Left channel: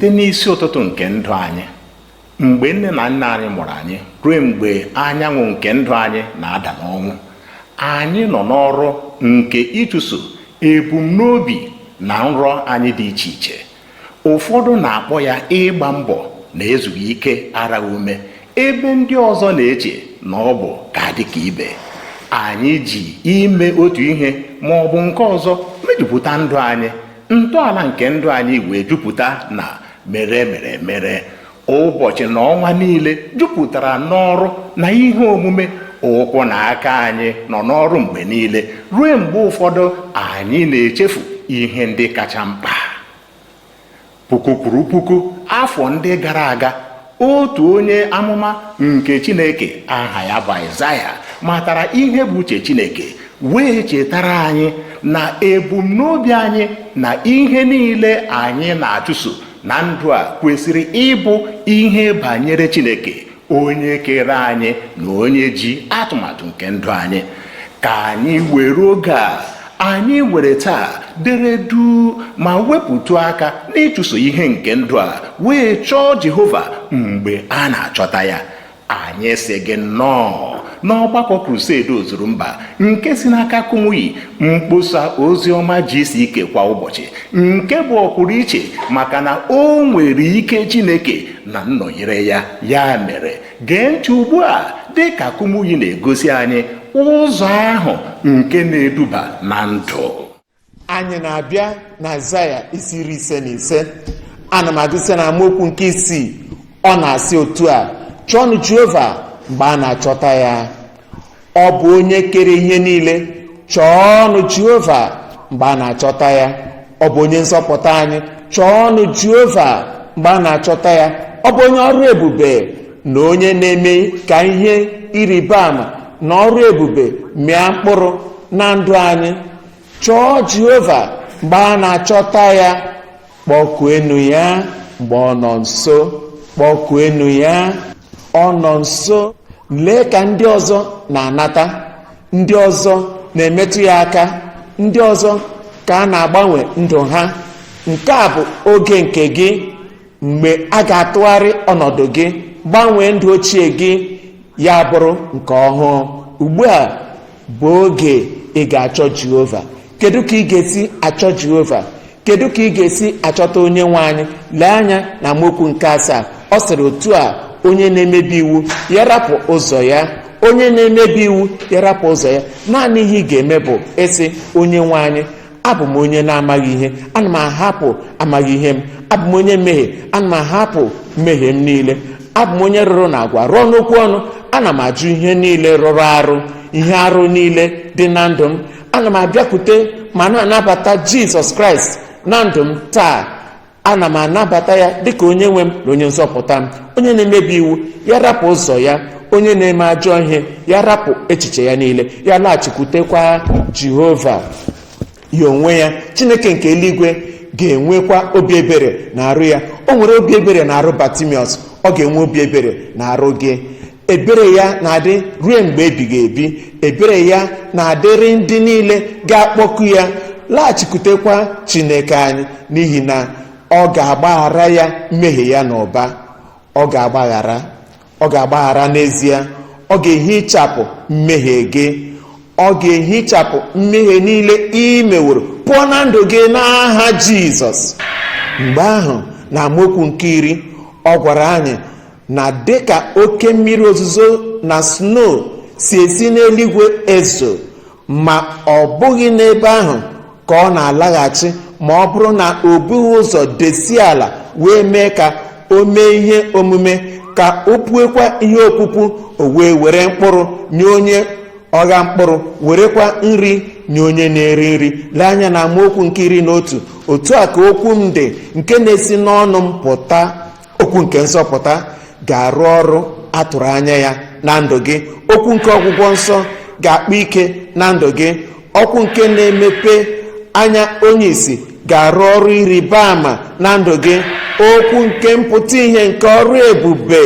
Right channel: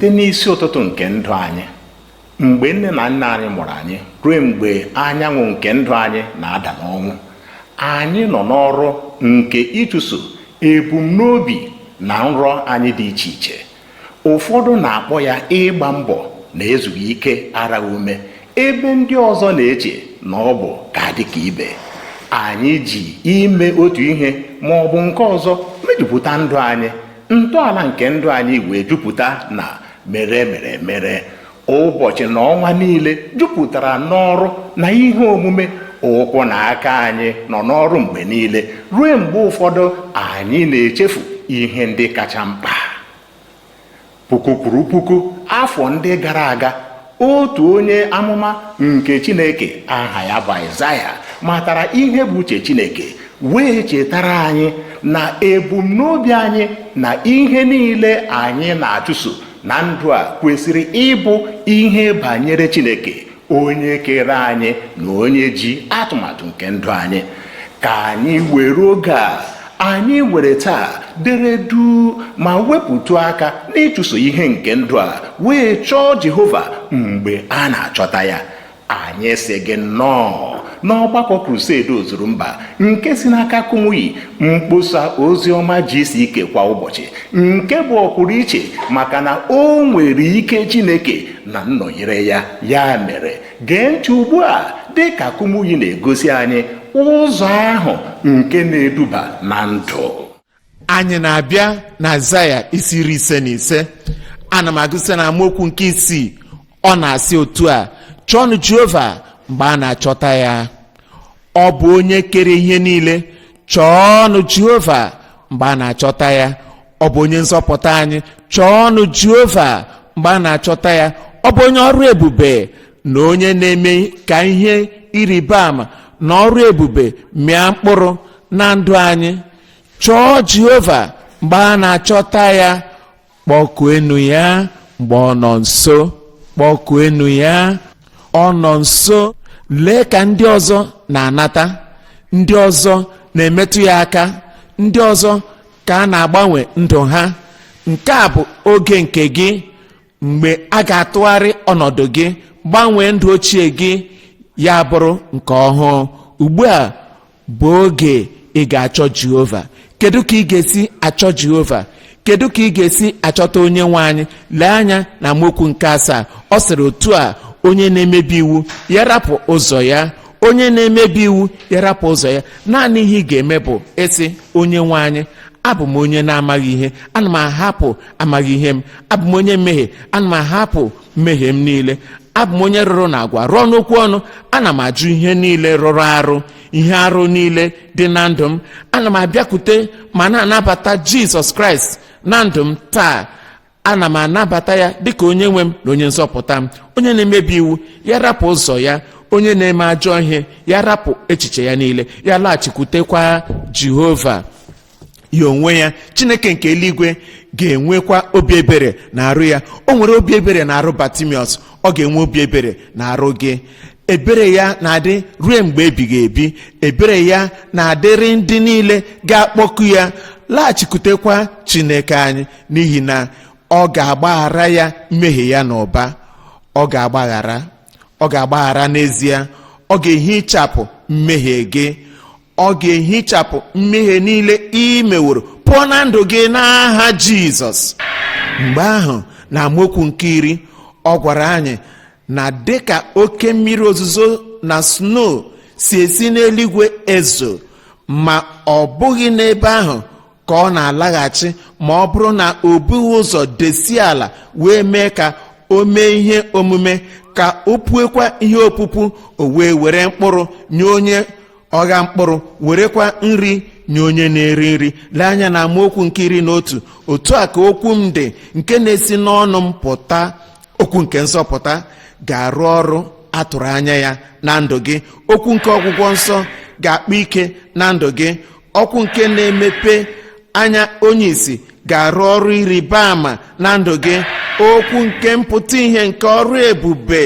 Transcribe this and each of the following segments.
site n'isi ụtụtụ nke ndụ anyị, mgbe nne na nna anyị mụrụ anyị ruo mgbe anyanwụ nke ndụ anyị na-ada n'ọnwụ, anyị nọ n'ọrụ nke ịchụso ebumnobi na nrọ anyị dị iche iche. Ụfọdụ na-akpọ ya ịgba mbọ na ezughị ike ara ume, ebe ndị ọzọ na-eche na ọ bụ ka dị ka ibe. Anyị ji ime otu ihe ma ọ bụ nke ọzọ mejupụta ndụ anyị. Ntọala nke ndụ anyị wee jupụta na mere. Ụbọchị na ọnwa niile jupụtara n'ọrụ na ihe omume. Ụkwụ na aka anyị nọ n'ọrụ mgbe niile, ruo mgbe ụfọdụ anyị na-echefu ihe ndị kacha mkpa. Puku kwuru puku afọ ndị gara aga, otu onye amụma nke Chineke aha ya bụ Aịzaya matara ihe bụ uche Chineke, wee chetara anyị na ebumnobi anyị na ihe niile anyị na-achụso na ndụ a kwesịrị ịbụ ihe banyere Chineke, onye kere anyị na onye ji atụmatụ nke ndụ anyị. Ka anyị were oge a anyị were taa dere duu ma wepụtụ aka n'ịchụso ihe nke ndụ a, wee chọọ Jehova mgbe a na-achọta ya. Anyị sị gị nnọọ n'ọgbakọ Crusade ozuru mba nke si n'aka Kumuyi mkpọsa ozi ọma GCK kwa ụbọchị, nke bụ ọpụrụ iche maka na o nwere ike Chineke na nnọnyere ya. Ya mere, gee ntị ugbu a dị ka Kumuyi na-egosi anyị ụzọ ahụ nke na-eduba na ndụ. Anyị na-abịa na Aịzaya isi 55. Ana m agụsị na amaokwu nke 6. Ọ na-asị otu a: chọọnụ Jehova mgbe a na-achọta ya. Ọ bụ onye kere ihe niile. Chọọnụ Jehova mgbe a na-achọta ya. Ọ bụ onye nzọpụta anyị. Chọọnụ Jehova mgbe a na-achọta ya. Ọ bụ onye ọrụ ebube na onye na-eme ka ihe ịrịba ama na ọrụ ebube mịa mkpụrụ na ndụ anyị. Chọọ Jehova mgbe a na-achọta ya. Kpọkuenu ya mgbe ọ nọ nso. Kpọkuenu ya, ọ nọ nso. Lee ka ndị ọzọ na-anata, ndị ọzọ na-emetụ ya aka, ndị ọzọ ka a na-agbanwe ndụ ha. Nke a bụ oge nke gị, mgbe a ga-atụgharị ọnọdụ gị, gbanwee ndụ ochie gị ya bụrụ nke ọhụụ. Ugbu a bụ oge ị ga-achọ Jehova. Kedu ka ị ga-esi achọ Jehova? Kedu ka ị ga-esi achọta onye nwe anyị? Lee anya na amaokwu nke 7. Ọ sịrị otu a: onye na-emebi iwu ya rapụ ụzọ ya. Onye na-emebi iwu ya rapụ ụzọ ya. Naanị ihe ị ga-eme bụ ịsị, onye nwe anyị, abụ m onye na-amaghị ihe, ana m ahapụ amaghị ihe m. Abụ m onye mmehie, ana m ahapụ mmehie m niile. Abụ m onye rụrụ na agwa, rụọ n'okwu ọnụ. Ana m ajụ ihe niile rụrụ arụ, ihe arụ niile dị na ndụ m. Ana m abịakwute ma na-anabata Jizọs Kraịst na ndụ m taa. Ana m anabata ya dịka onye nwe m na onye nzọpụta m. Onye na-emebi iwu ya rapụ ụzọ ya. Onye na-eme ajọ ihe ya rapụ echiche ya niile, ya laghachikwutekwa Jehova ya onwe ya. Chineke nke eluigwe ga-enwekwa obi ebere na arụ ya. O nwere obi ebere na arụ Batimiọs, ọ ga-enwe obi ebere na arụ gị. Ebere ya na-adị ruo mgbe ebighị ebi. Ebere ya na-adịrị ndị niile ga-akpọku ya. Laghachikwutekwa Chineke anyị, n'ihi na ọ ga-agbaghara ya mmehie ya n'ụba. Ọ ga-agbaghara n'ezie. Ọ ga-ehichapụ mmehie gị. Ọ ga-ehichapụ mmehie niile i meworo pụọ na ndụ gị n'aha Jizọs. Mgbe ahụ na amaokwu nke 10, ọ gwara anyị na dịka oke mmiri ozuzo na snow si esi n'eluigwe ezo, ma ọ bụghị n'ebe ahụ ka ọ na-alaghachi ma ọ bụrụ na o bughị ụzọ desie ala wee mee ka o mee ihe omume, ka o puekwa ihe opupu, o wee were mkpụrụ nye onye ọgha mkpụrụ, werekwa nri nye onye na-eri nri. Lee anya na amaokwu nke 11. Otu a ka okwu m dị nke na-esi n'ọnụ m pụta. Okwu nke nzọpụta ga-arụ ọrụ atụrụ anya ya na ndụ gị. Okwu nke ọgwụgwọ nsọ ga-akpa ike na ndụ gị. Okwu nke na-emepe anya onye isi ga-arụ ọrụ ịrịba ama na ndụ gị. Okwu nke mpụta ihe nke ọrụ ebube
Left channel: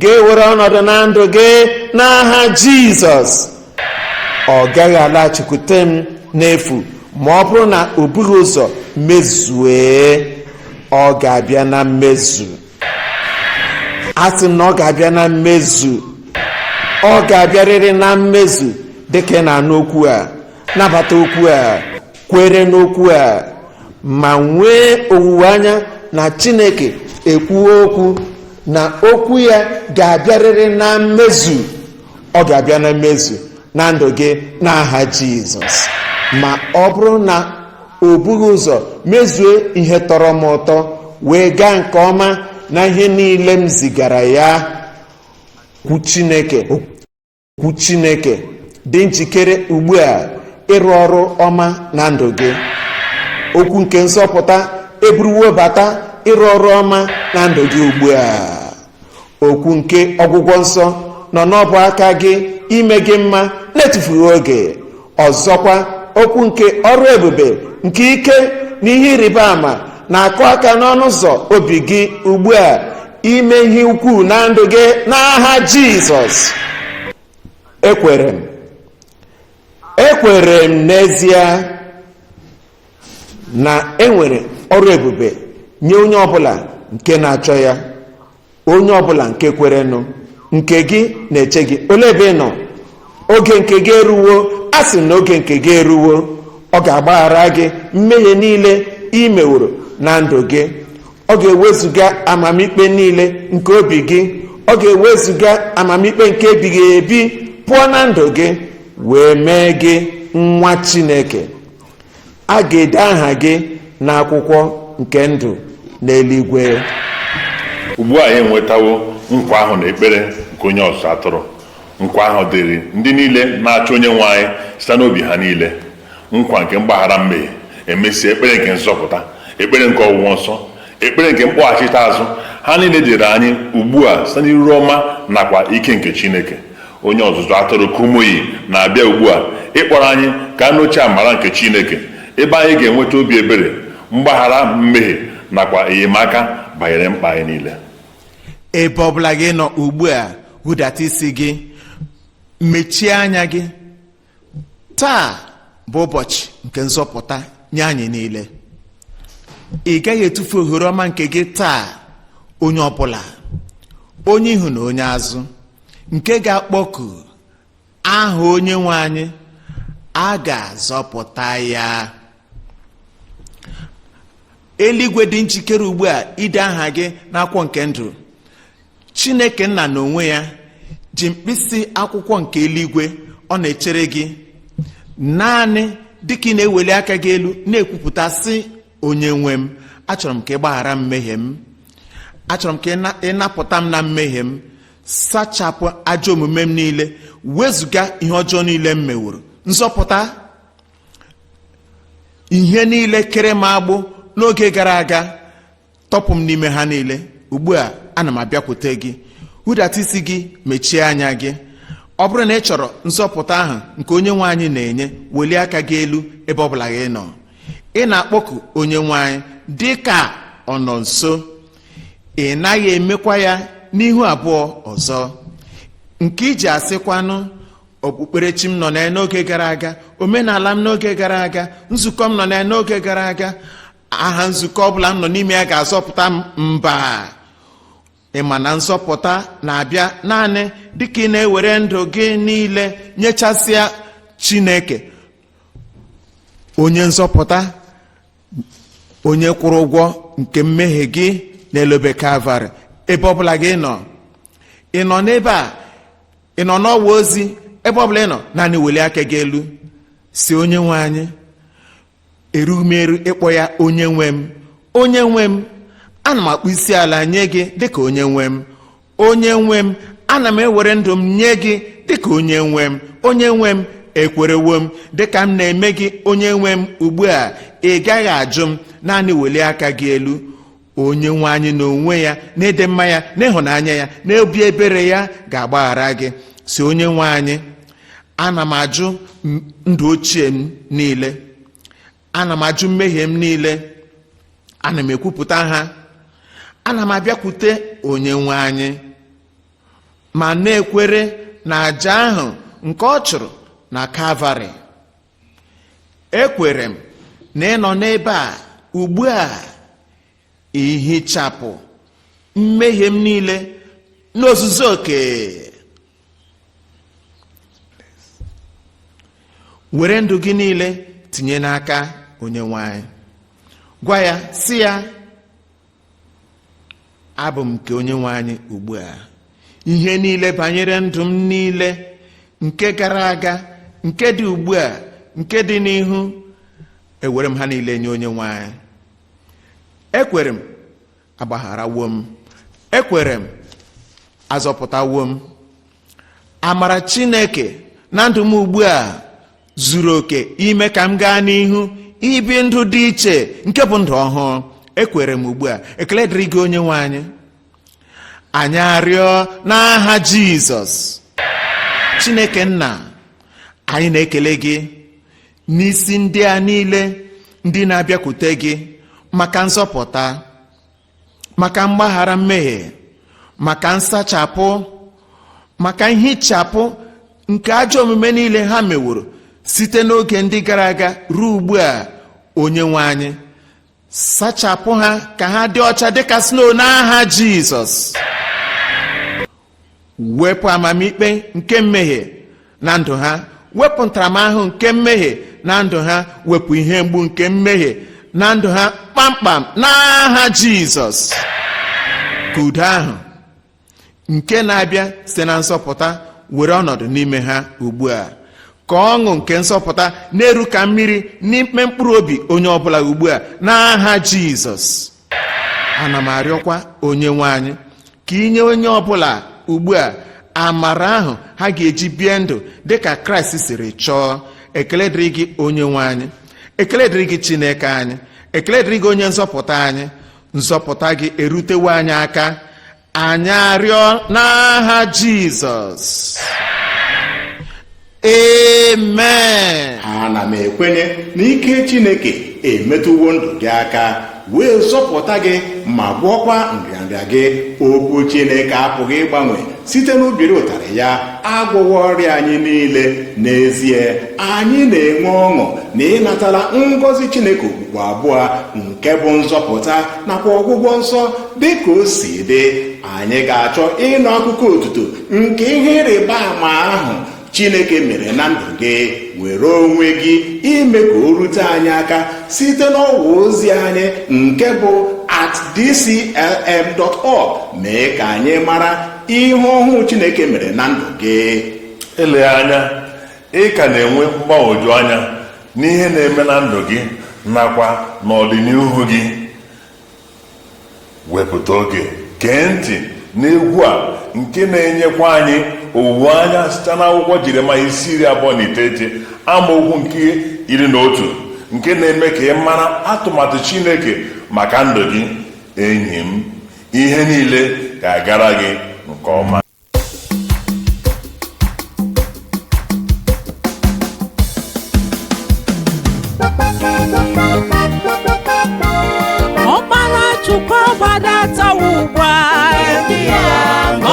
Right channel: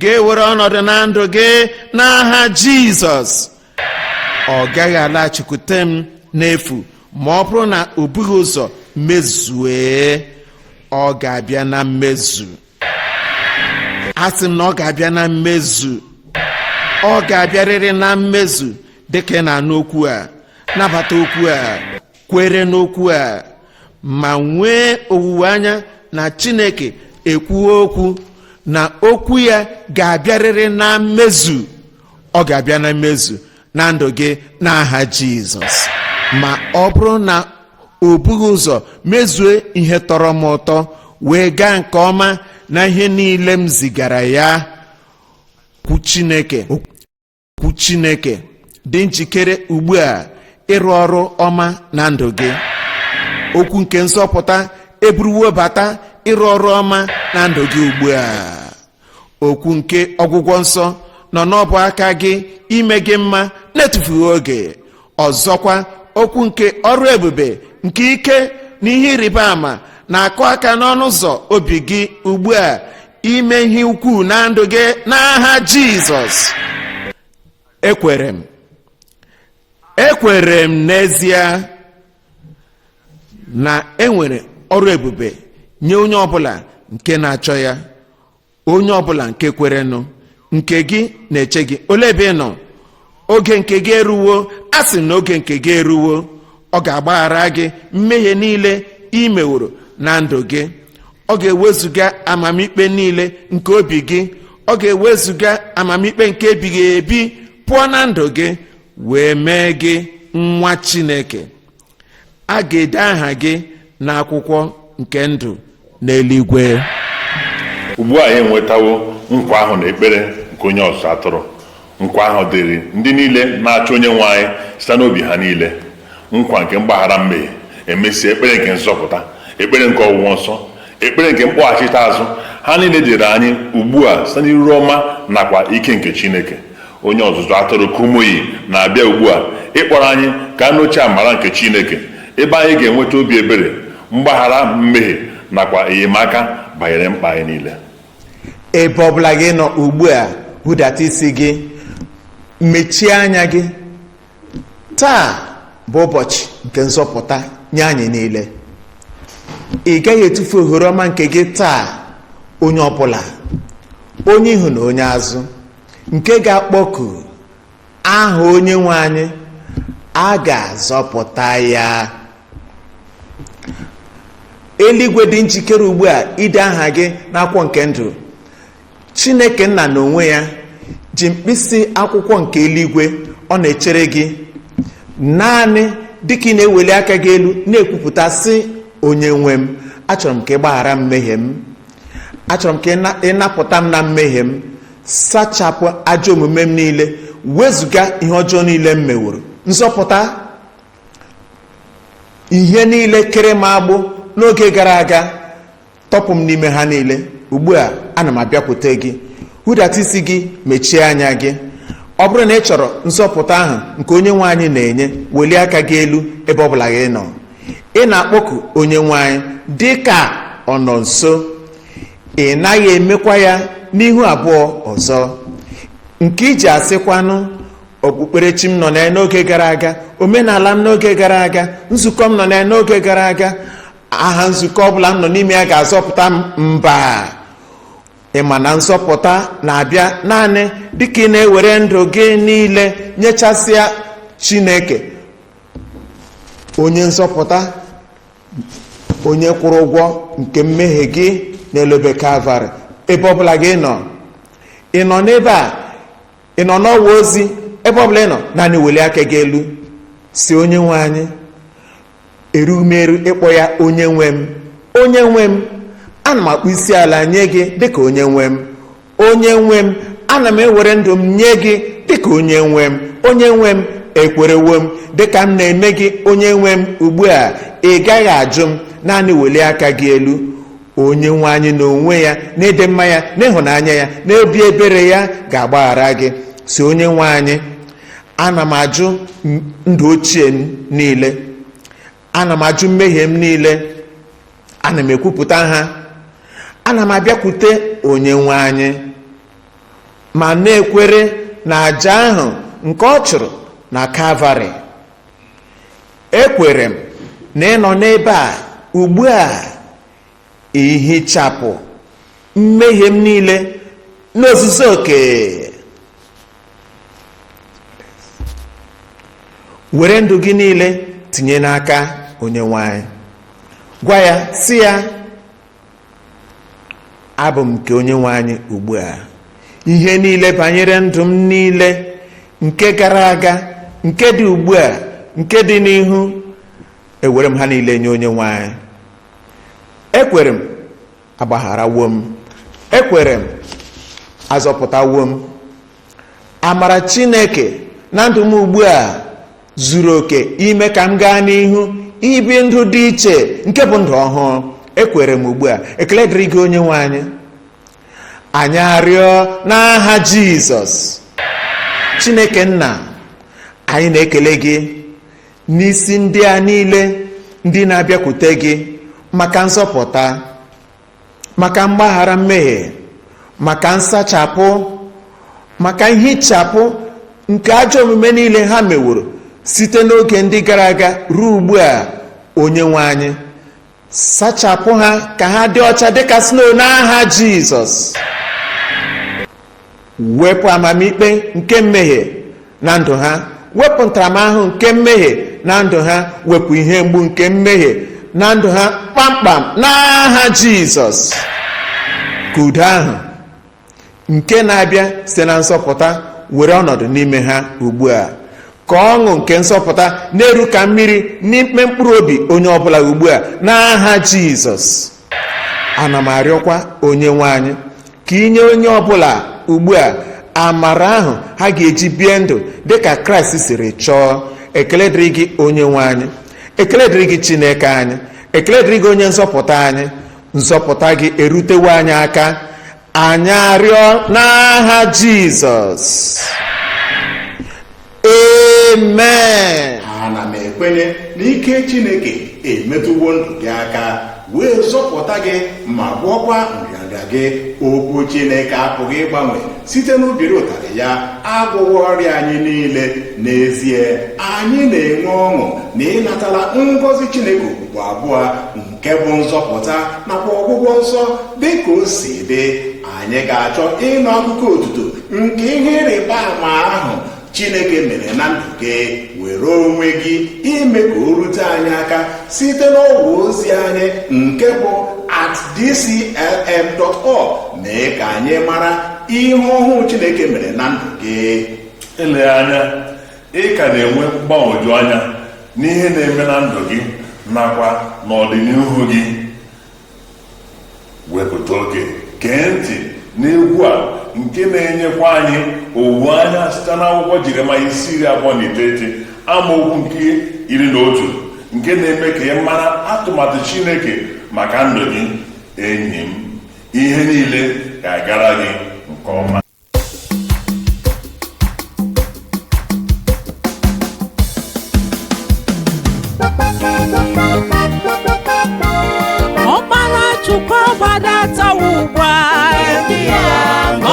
ga-ewere ọnọdụ na ndụ gị n'aha Jizọs. Ọ gaghị alaghachikwute m n'efu ma ọ bụrụ na o bughị ụzọ mezue. ọ ga-abịa na mmezu. Asị m na ọ ga-abịa na mmezu. Ọ ga-abịarịrị na mmezu dịka ị na-anụ okwu a, nabata okwu a, kwere n'okwu a, ma nwee owuwe anya na Chineke ekwuo okwu na okwu ya ga-abịarịrị na mmezu. Ọ ga-abịa na mmezu na ndụ gị n'aha Jizọs. Ma ọ bụrụ na o bughị ụzọ mezue ihe tọrọ m ụtọ wee gaa nke ọma na ihe niile m zigara ya, okwu Chineke dị njikere ugbu a ịrụ ọrụ ọma na ndụ gị. Okwu nke nzọpụta eburuwo bata ịrụ ọrụ ọma na ndụ gị ugbu a. Okwu nke ọgwụgwọ nsọ nọ n'ọbụ aka gị ime gị mma na-etufughị oge. Ọzọkwa, okwu nke ọrụ ebube nke ike na ihe ịrịba ama na-akụ aka n'ọnụ ụzọ obi gị ugbu a ime ihe ukwuu na ndụ gị n'aha Jizọs. Ekwere m n'ezie na enwere ọrụ ebube nye onye ọbụla nke na-achọ ya, onye ọbụla nke kwerenụ. Nke gị na-eche gị. Olee ebe ị nọ? Oge nke gị eruwo. A sị na oge nke gị eruwo. Ọ ga-agbaghara gị mmehie niile i meworo na ndụ gị. Ọ ga-ewezuga amamikpe niile nke obi gị. Ọ ga-ewezuga amamikpe nke ebighị ebi pụọ na ndụ gị, wee mee gị nwa Chineke. A ga-ede aha gị n'akwụkwọ nke ndụ n'eluigwe. Ugbu a anyị enwetawo nkwa ahụ na ekpere nke onye ọzụzụ atụrụ. Nkwa ahụ dịrị ndị niile na-achọ onye nwe anyị site n'obi ha niile. Nkwa nke mgbaghara mmehie, emesịa ekpere nke nzọpụta, ekpere nke ọgwụgwọ nsọ, ekpere nke mkpọghachite azụ. Ha niile dịrị anyị ugbu a site n'iru ọma nakwa ike nke Chineke. Onye ọzụzụ atụrụ Kumuyi na-abịa ugbu a ịkpọrọ anyị ka nụcha amara nke Chineke, ebe anyị ga-enweta obi ebere, mgbaghara mmehie nakwa enyemaka banyere mkpa anyị niile. Ebe ọbụla gị nọ ugbu a, hụdata isi gị, mechie anya gị. Taa bụ ụbọchị nke nzọpụta nye anyị niile. Ị gaghị etufu ohere ọma nke gị taa. Onye ọbụla, onye ihu na onye azụ, nke ga-akpọku aha onye nwe anyị, a ga-azọpụta ya. Eluigwe dị njikere ugbu a ide aha gị n'akwụkwọ nke ndụ. Chineke nna n'onwe ya ji mkpịsị akwụkwọ nke eluigwe ọ na-echere gị. Naanị dịka ị na-eweli aka gị elu na-ekwupụta sị, onye nwe m, achọrọ m ka ị gbaghara mmehie m. Achọrọ m ka ị napụta m na mmehie m. Sachapụ ajọ omume m niile, wezụga ihe ọjọọ niile m meworo. Nzọpụta ihe niile kere m agbụ n'oge gara aga, tọpụ m n'ime ha niile. Ugbu a ana m abịakwute gị. Hụdata isi gị, mechie anya gị. Ọ bụrụ na ị chọrọ nzọpụta ahụ nke onye nwe anyị na-enye, welie aka gị elu ebe ọbụla gị nọ. Ị na-akpọku onye nwe anyị dị ka ọ nọ nso. Ị naghị emekwa ya n'ihu abụọ ọzọ, nke iji asịkwanụ, okpukperechi m nọ na ya n'oge gara aga, omenala m n'oge gara aga, nzukọ m nọ na ya n'oge gara aga, aha nzukọ ọbụla m nọ n'ime ya ga-azọpụta m. Mba, ịma na nzọpụta na-abịa naanị dịka ị na-ewere ndụ gị niile nyechasịa Chineke, onye nzọpụta, onye kwụrụ ụgwọ nke mmehie gị n'elobe Kalvarị. Ebe ọbụla gị nọ, ị nọ n'ebe a, ị nọ n'ọwa ozi, ebe ọbụla ị nọ, naanị weli aka gị elu si, onye nwe anyị, erughị m eru ịkpọ ya onye nwe m. Onye nwe m, ana m akpụ isi ala nye gị dịka onye nwe m. Onye nwe m, ana m ewere ndụ m nye gị dịka onye nwe m. Onye nwe m, ekwerewo m dịka m na-eme gị onye nwe m. Ugbu a ị gaghị ajụ m, naanị weli aka gị elu. Onye nwe anyị n'onwe ya, na-ede mma ya, n'ịhụnanya ya, n'obi ebere ya ga-agbaghara gị. Si, onye nwe anyị, ana m ajụ ndụ ochie m niile, ana m ajụ mmehie m niile, ana m ekwupụta ha. Ana m abịakwute onye nwe anyị ma na-ekwere na àjà ahụ nke ọ chụrụ na Kalvarị. Ekwere m na ị nọ n'ebe a ugbu a, ihichapụ mmehie m niile n'ozuzu oke. Were ndụ gị niile tinye n'aka Onyenwe anyị. Gwa ya, sị ya, abụ m nke Onyenwe anyị ugbu a. Ihe niile banyere ndụ m niile, nke gara aga, nke dị ugbu a, nke dị n'ihu, ewere m ha niile nye Onyenwe anyị. Ekwere m, agbagharawo m. Ekwere m, azọpụtawo m. Amara Chineke na ndụ m ugbu a zuru oke ime ka m gaa n'ihu ibi ndụ dị iche, nke bụ ndụ ọhụụ. Ekwere m ugbu a. Ekele dịrị gị Onyenwe anyị. Anyị arịọ n'aha Jizọs. Chineke nna, anyị na-ekele gị n'isi ndị a niile ndị na-abịakwute gị maka nzọpụta, maka mgbaghara mmehie, maka nsachapụ, maka nhichapụ nke ajọ omume niile ha meworo site n'oge ndị gara aga ruo ugbu a. Onyenwe anyị, sachapụ ha ka ha dị ọcha dịka snow n'aha Jizọs. Wepụ amamikpe nke mmehie na ndụ ha, wepụ ntaramahụhụ nke mmehie na ndụ ha, wepụ ihe mgbu nke mmehie na ndụ ha kpamkpam n'aha Jizọs. Ka udo ahụ nke na-abịa site na nsọpụta were ọnọdụ n'ime ha ugbu a. Ka ọṅụ nke nsọpụta na-eru ka mmiri n'ime mkpụrụ obi onye ọbụla ugbu a n'aha Jizọs. Ana m arịọkwa Onyenwe anyị ka inye onye ọbụla ugbu a amara ahụ ha ga-eji bie ndụ dịka Kraịst siri chọọ. Ekele dịrị gị Onyenwe anyị. Ekele dịrị gị Chineke anyị. Ekele dịrị gị onye nzọpụta anyị. Nzọpụta gị erutewo anyị aka. Anyị arịọ n'aha Jizọs. Amen. Ana m ekwenye n'ike Chineke emetụwo ndụ gị aka wee zọpụta gị ma gwọkwa nrịanrịa gị. Okwu Chineke apụghị ịgbanwe site n'ubiri ụtarị ya agwụghị ọrịa anyị niile. N'ezie, anyị na-enwe ọṅụ na ịnatala ngọzi Chineke okpukpe abụọ nke bụ nzọpụta nakwa ọgwụgwọ nsọ dị ka o si dị. Anyị ga-achọ ịnụ akụkọ otuto nke ihe ịrịba ama ahụ Chineke mere na ndụ gị. Were onwe gị ime ka o rute anyị aka site n'ọwa ozi anyị nke bụ @dclm.org. mee ka anyị mara ihe ọhụụ Chineke mere na ndụ gị. Eleghị anya, ị ka na-enwe mgbagwoju anya n'ihe na-eme na ndụ gị nakwa n'ọdịnihu gị. Wepụta oge gee ntị n'egwu a nke na-enyekwa anyị owuwe anya site n'akwụkwọ Jeremaya 29 amaokwu nke 11 nke na-eme ka ị mara atụmatụ Chineke maka ndụ gị. Enyi m, ihe niile ga-agara gị nke ọma. Ọkpara Chukwu agbadatawo ugbu a.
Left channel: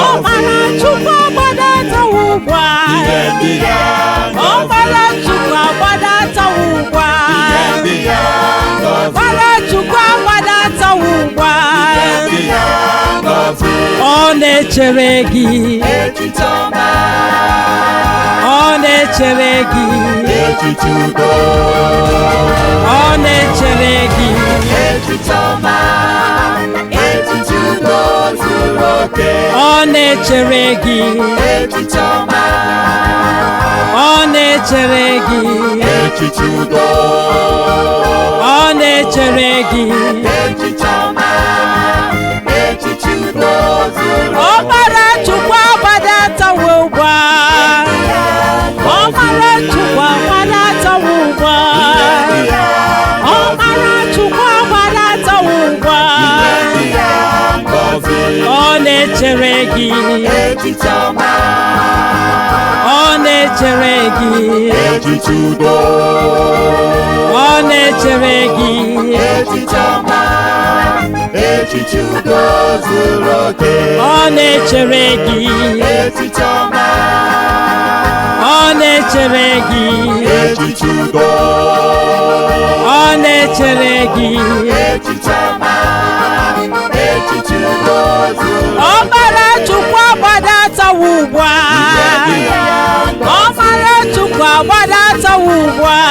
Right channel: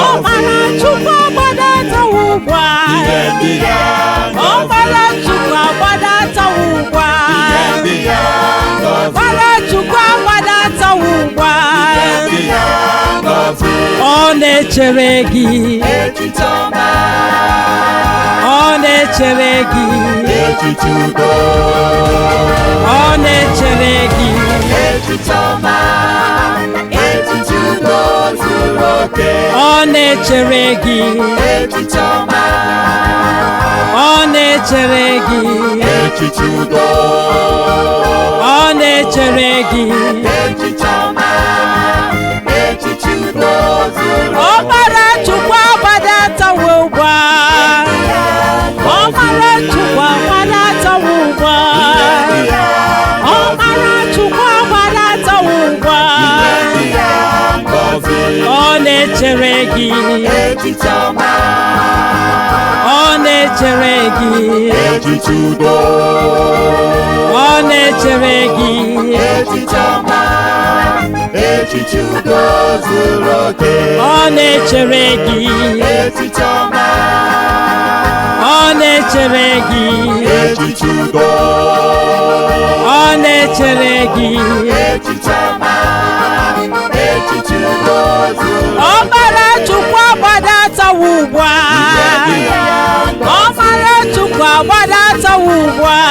Ọkpara Chukwu agbadatawo ugbu a. Ọkpara Chukwu agbadatawo ugbu a. Ọkpara Chukwu agbadatawo ugbu a. Ọ na-echere gị. Ọ na-echere gị. Ọ na-echere gị. Ọ na-echere gị. Ọ na-echere gị. Ọ na-echere gị. Ọkpara Chukwu agbadatawo ugbu a. Ọkpara Chukwu agbadatawo ugbu a. Ọkpara Chukwu agbadatawo ugbu a. Ọ na-echere gị. Ọ na-echere gị. Ọ na-echere gị. Ọ na-echere gị. Ọ na-echere gị. Ọ na-echere gị. ọbara Chukwu agbadatawa ugbu a, ọbara Chukwu agbadatawa ugbu a.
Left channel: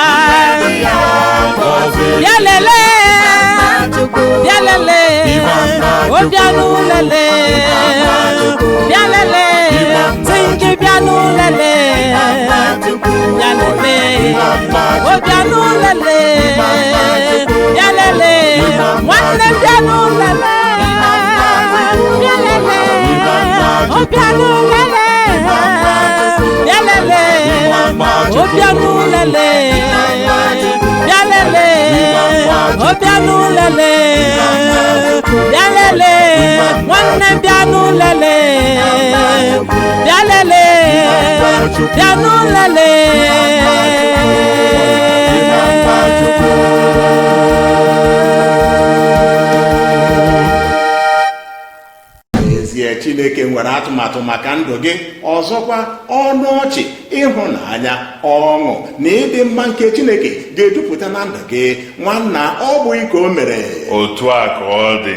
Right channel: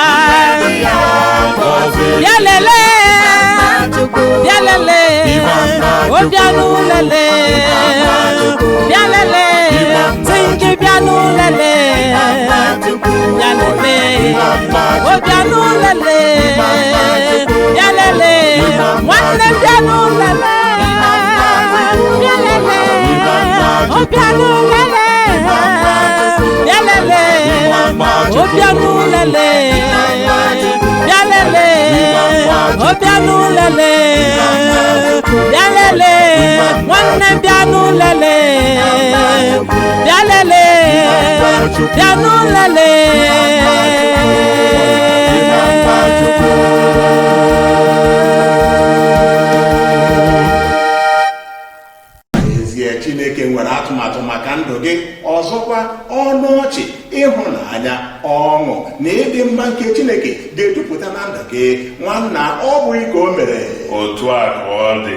Bịa lelee, bịa lelee, ọbịa n'ụlele, bịa lelee, tingi bịa n'ụlele, bịa lelee, ọbịa n'ụlele, bịa lelee, nwanne bịa n'ụlele, bịa lelee, ọbịa n'ụlele, bịa lelee, ọbịa n'ụlele, bịa lelee, ọbịa n'ụlele, bịa lelee, nwanne bịa n'ụlele, bịa lelee, bịa n'ụlele. N'ezie, Chineke nwere atụmatụ maka ndụ gị. Ọzọkwa, ọnụ ọchị, ịhụnanya, ọṅụ na ịdị mma nke Chineke ga-ejupụta na ndụ gị. Nwanna, ọ bụghị ka o mere. Otu a ka ọ dị.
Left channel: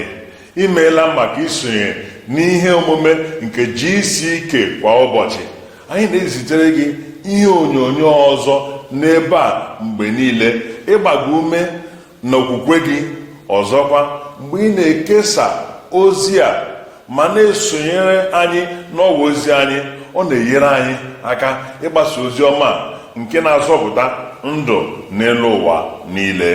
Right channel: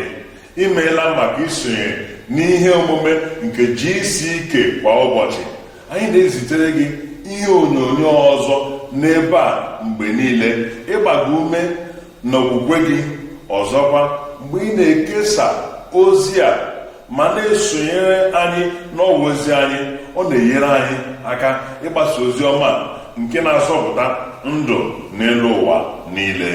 Imeela maka isonye n'ihe omume nke GCK kwa ụbọchị. Anyị na-ezitere gị ihe onyonyo ọzọ n'ebe a mgbe niile ịgba gị ume n'okwukwe gị. Ọzọkwa, mgbe ị na-ekesa ozi a ma na-esonyere anyị n'ọwa ozi anyị, ọ na-enyere anyị aka ịgbasa ozi ọma nke na-azọpụta ndụ n'elu ụwa niile.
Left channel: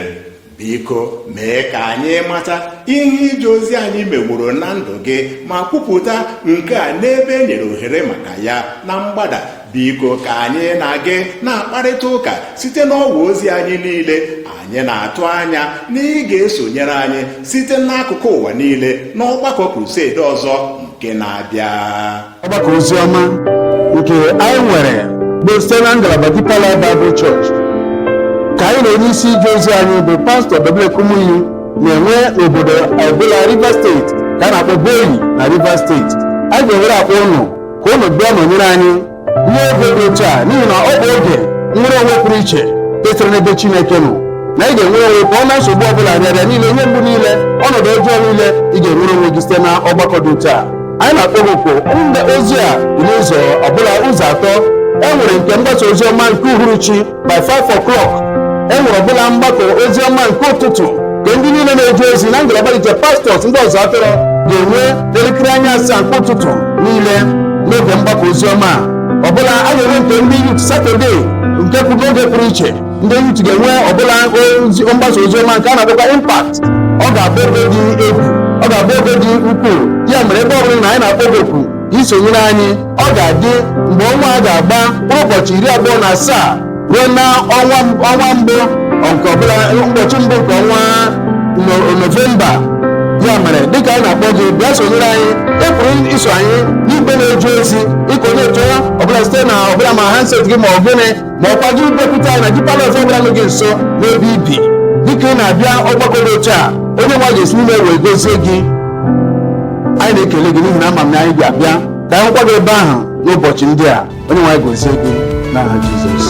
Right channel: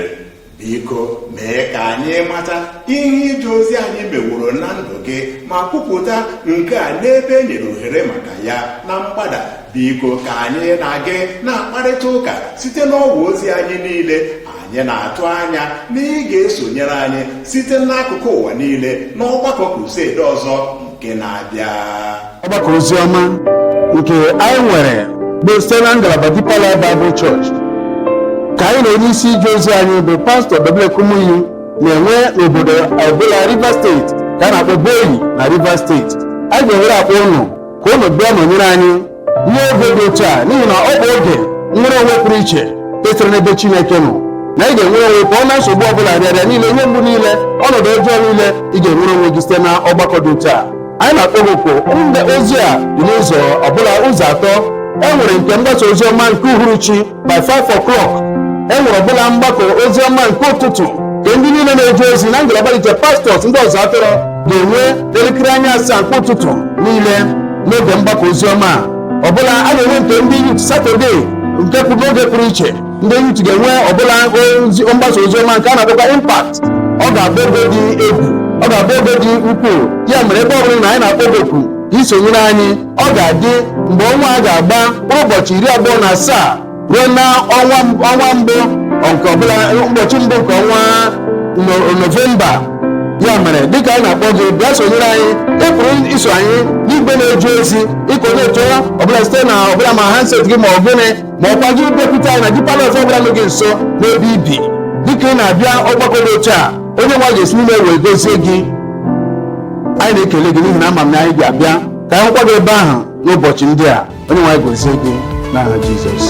Biko mee ka anyị mata ihe ije ozi anyị meworo na ndụ gị ma kwupụta nke a n'ebe e nyere ohere maka ya na mgbada. Biko ka anyị na gị na-akparịta ụka site n'ọwa ozi anyị niile. Anyị na-atụ anya na ị ga-esonyere anyị site n'akụkụ ụwa niile n'ọgbakọ krused ọzọ nke na-abịa. Ọgbakọ oziọma nke anyị nwere bụ site na ngalaba Deeper Life Bible Church ka anyị na onye isi ije ozi anyị bụ pastọ Kumuyi na-enwe n'obodo ọbụla Rivers Steeti ka a na-akpọ Boyi na Rivers Steeti. Anyị ga-ewere akpọ ụnụ ka ụnụ bịa nọnyere anyị n'oge dị otu a, n'ihi na ọ bụ oge nwere onwe pụrụ iche kwesịrị n'ebe Chineke nọ, na ị ga-enwere onwe pụọ na nsogbu ọbụla rịarịa niile, ihe mgbu niile, ọnọdụ ọjọọ niile, ị ga-enwere onwe gị site na ọgbakọ dị otu a. Anyị na-akpọ gị oku mgbe ozi a dị n'ụzọ ọbụla ụzọ atọ. E nwere nke mgbasa ozi ọma nke uhuruchi by 5 o'clock. E nwere ọbụla mgbakọ ozi ọma nke ụtụtụ nke ndị niile na-eje ozi na ngalaba dịche pastọs ndị ọzọ atọrọ ga-enwe elekere anya asaa nke ụtụtụ niile n'oge mgbakọ ozi ọma ọbụla. A ga-enwe nke ndị yut Satọde nke kwuru n'oge pụrụ iche. Ndị yut ga-enwe ọbụla mgbasa ozi ọma nke a na-akpọkwa impact. Ọ ga-abụ oge dị egwu, ọ ga-abụ oge dị ukwuu. Ya mere ebe ọ bụla na anyị na-akpọ gị oku isonyere anyị, ọ ga-adị mgbe ọnwa a ga-agba ụbọchị 27 ruo na ọnwa mbụ nke ọbụla, ụbọchị mbụ nke ọnwa Novemba. Ya mere dịka anyị na-akpọ gị bịa sonyere anyị. Ị pụrụ iso anyị n'igwe na-eje ozi ịka onye chọrọ ọbụla site na ọbụla ma handset gị ma ọ gịnị, ma ọkwa gị bịakwute anyị na Deeper Life ọbụla nọ gị nso n'ebe ibi. Dịka ị na-abịa ọgbakọ dị otu a, onye nwa ga-esi n'ime wee gozie gị. Anyị na-ekele gị n'ihi na ama m na anyị ga-abịa ka anyị hụkwa gị ebe ahụ n'ụbọchị ndị a. Onye nwa gozie gị n'aha Jizọs.